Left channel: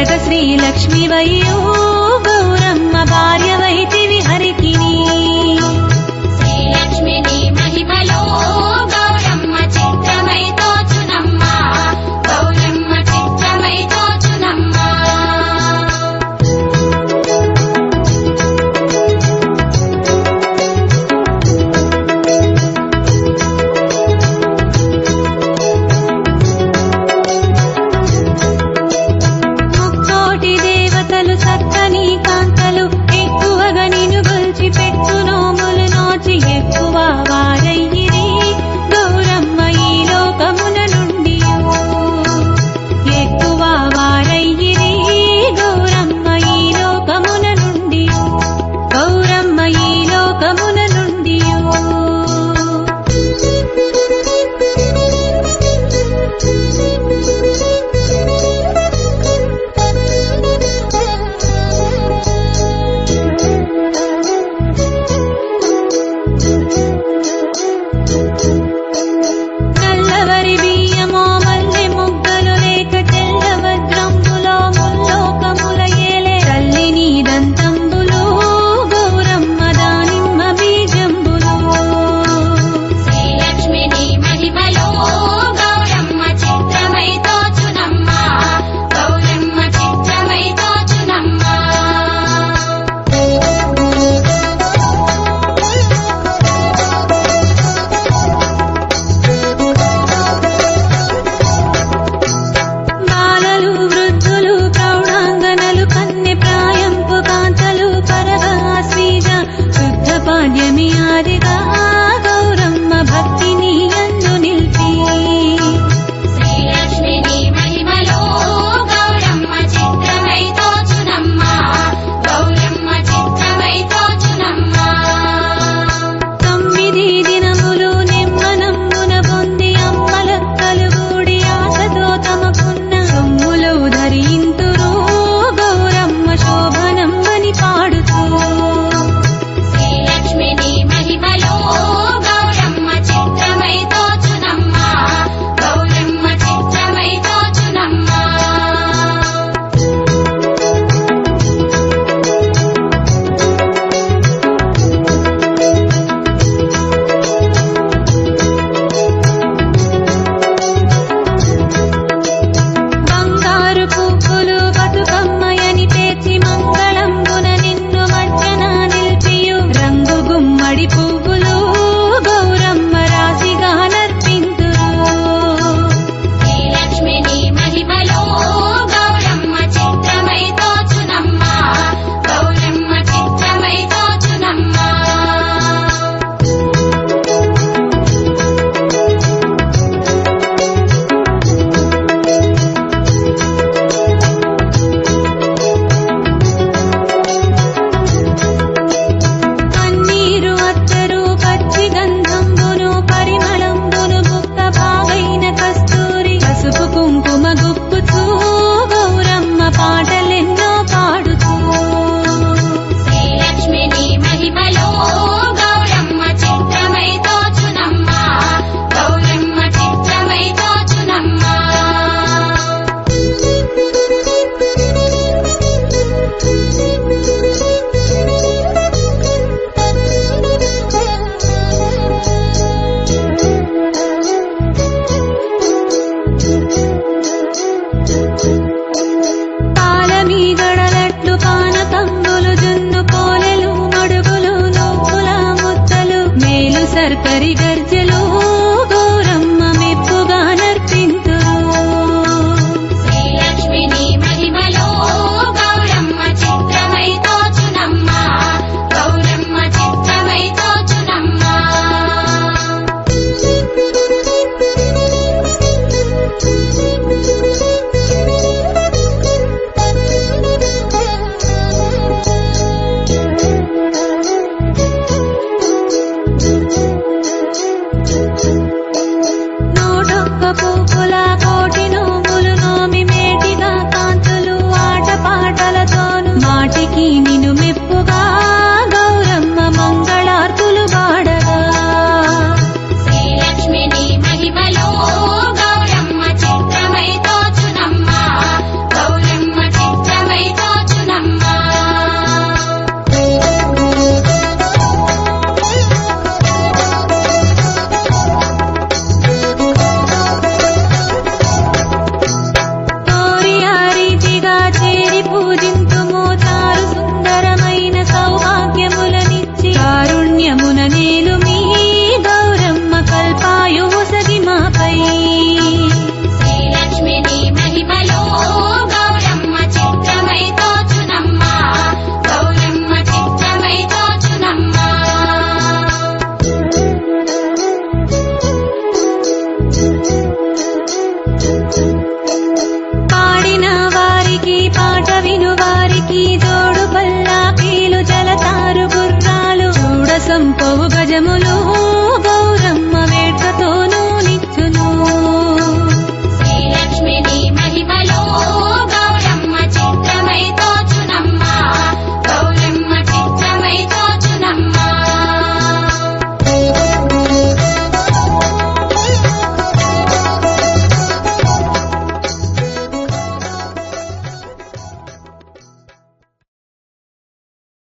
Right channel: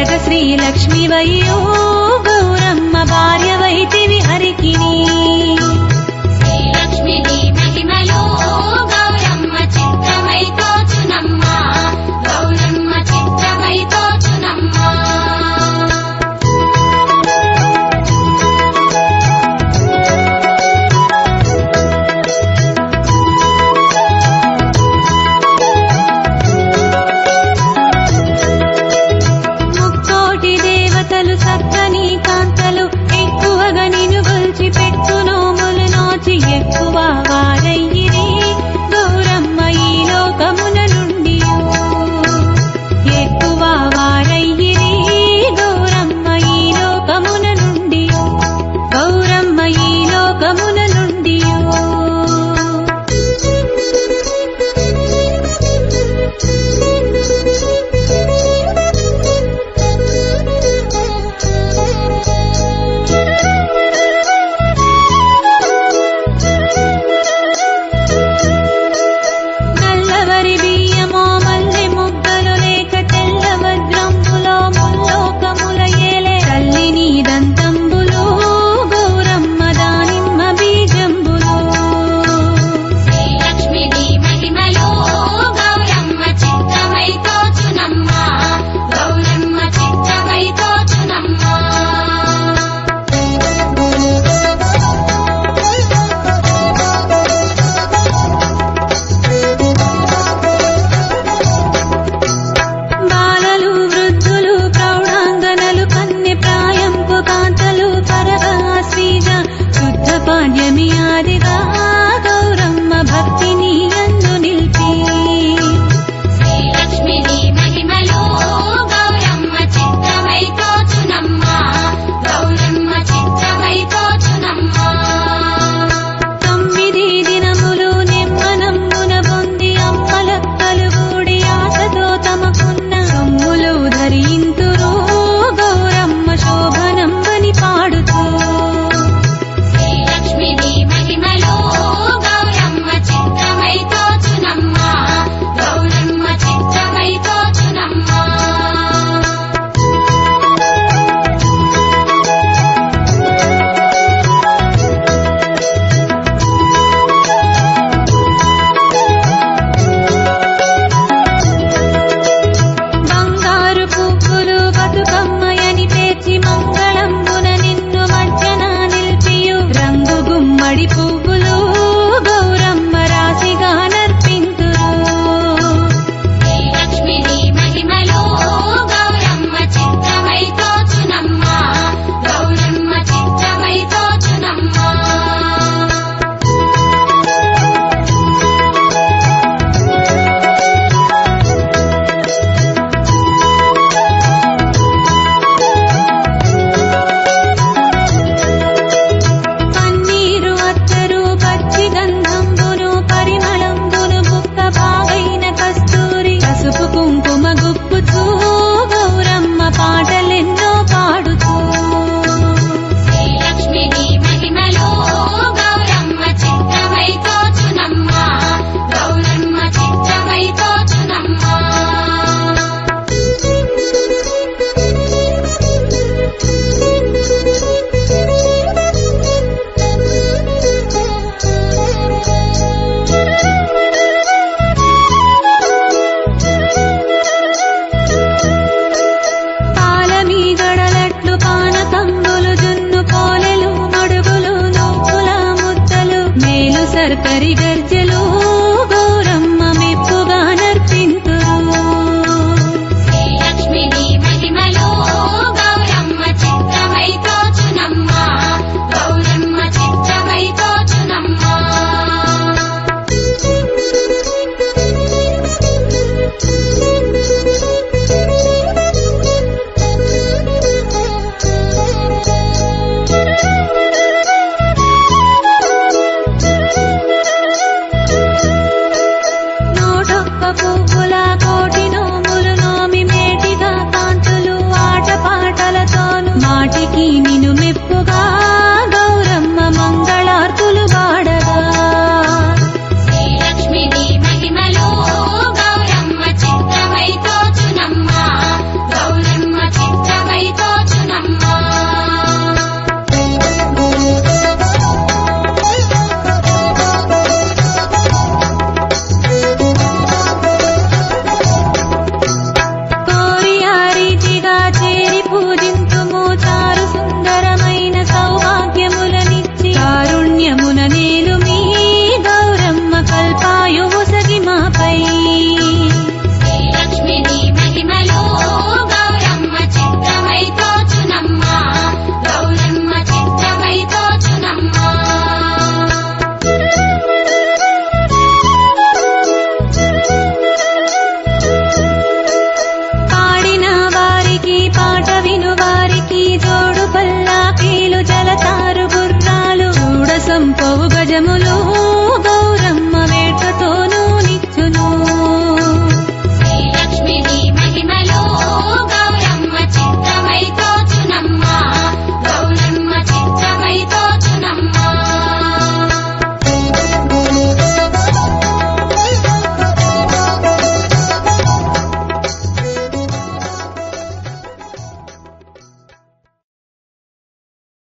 వరగ శ్రీలక్ష్మివయ్యో గౌరమ్మ భార్యవైతివి హరికిని శ్రీలక్ష్మిని మహిమలో గౌరమ్మ చిత్రమై తోచునమ్మా గౌరమ్మ చిత్రమై తోచునమ్మా ముక్కోటి దేవతలు సక్కని కాంతలు ఎక్కువగా నిన్ను గొల్చి పెట్టు నోములు నోచి ఎక్కువ వారయ్యిరి గౌరమ్మ ఈ లోకమున నుండి ఎక్కువ వారయ్యిరి గౌరమ్మ ఈ లోకమున నుండి గౌరమ్మ ఈ లోకమున నుండి నల్లవరి బియ్యమో మల్లె మొగ్గలు లేక తెల్ల వజ్రంబులో ముల్లోకముల ఏలే తల్లి నీ దంతంబులు గౌరమ్మ దానిమ్మ బీజంబులు శ్రీలక్ష్మిని మహిమలో గౌరమ్మ చిత్రమై తోచునమ్మా గౌరమ్మ చిత్రమై తోచునమ్మా బాలలు వృద్ధులు ప్రౌఢాంగనలు కన్నె ప్రాయంపు కాంతలు పరగా శ్రీజ శుద్ధ పాడ్యమి ఆదిగా గౌరమ్మ భక్తిని యందు నిల్పి శ్రీలక్ష్మిని మహిమలో గౌరమ్మ చిత్రమై తోచునమ్మా గౌరమ్మ చిత్రమై తోచునమ్మా 9 దినములు నెమ్మనమ్మున పొంది అమ్మలక్కలు గూడి ఆశతో తమకున్న సొమ్ములు ధరింతురు గౌరమ్మ శోభనంబని పాడుతూ శ్రీలక్ష్మిని మహిమలో గౌరమ్మ చిత్రమై తోచునమ్మా గౌరమ్మ చిత్రమై తోచునమ్మా బంగారు పువ్వులు బతుకమ్మయని పేర్చి మంగళంబున నిన్ను మధ్యన నిల్పియు రంగు గుమ్మడి పువ్వులు గౌరమ్మ రాశిగా నర్పింతురు శ్రీలక్ష్మిని మహిమలో గౌరమ్మ చిత్రమై తోచునమ్మా గౌరమ్మ చిత్రమై తోచునమ్మా పన్నీరు అత్తరు పచ్చి గంధంబును పరిమళంబును బుక్క బాగైన కస్తూరి పసుపు కుంకుమ గుప్పుతూ గౌరమ్మ పాటలెన్నో పాడుతూ శ్రీలక్ష్మిని మహిమలో గౌరమ్మ చిత్రమై తోచునమ్మా గౌరమ్మ చిత్రమై తోచునమ్మా పాలమీగడలట్లు పానకంబులు జున్ను పోలెలు మడుగులు నువ్వుల ముద్దలు మేలు సర్కరి గర్జలు గౌరమ్మ మెప్పుగా నర్పింతురు శ్రీలక్ష్మిని మహిమలో గౌరమ్మ చిత్రమై తోచునమ్మా గౌరమ్మ చిత్రమై తోచునమ్మా నోటొక్క పువ్వుల కోటి నోములు నోమి మేటిగా కాంతులు ఆటపాటలతోను మాటికి నిన్ను మెప్పుగా గౌరమ్మ మంగళార్తులు పాడగా శ్రీలక్ష్మిని మహిమలో గౌరమ్మ చిత్రమై తోచునమ్మా గౌరమ్మ చిత్రమై సౌభాగ్యములనిచ్చి కారుణ్యమున నేలు మీ గౌరమ్మ కల్పాయువు సగి మాపై శ్రీలక్ష్మి నీ మహిమలో గౌరమ్మ చిత్రమై తోచునమ్మా గౌరమ్మ చిత్రమై తోచునమ్మా పాడిన వారికి పాట విను వారికి జోడు పల్లాకీలు జలతారు గుర్రాలు చూడ సంపవు గజములు గౌరమ్మ వేట్కతోనూ నిచ్చును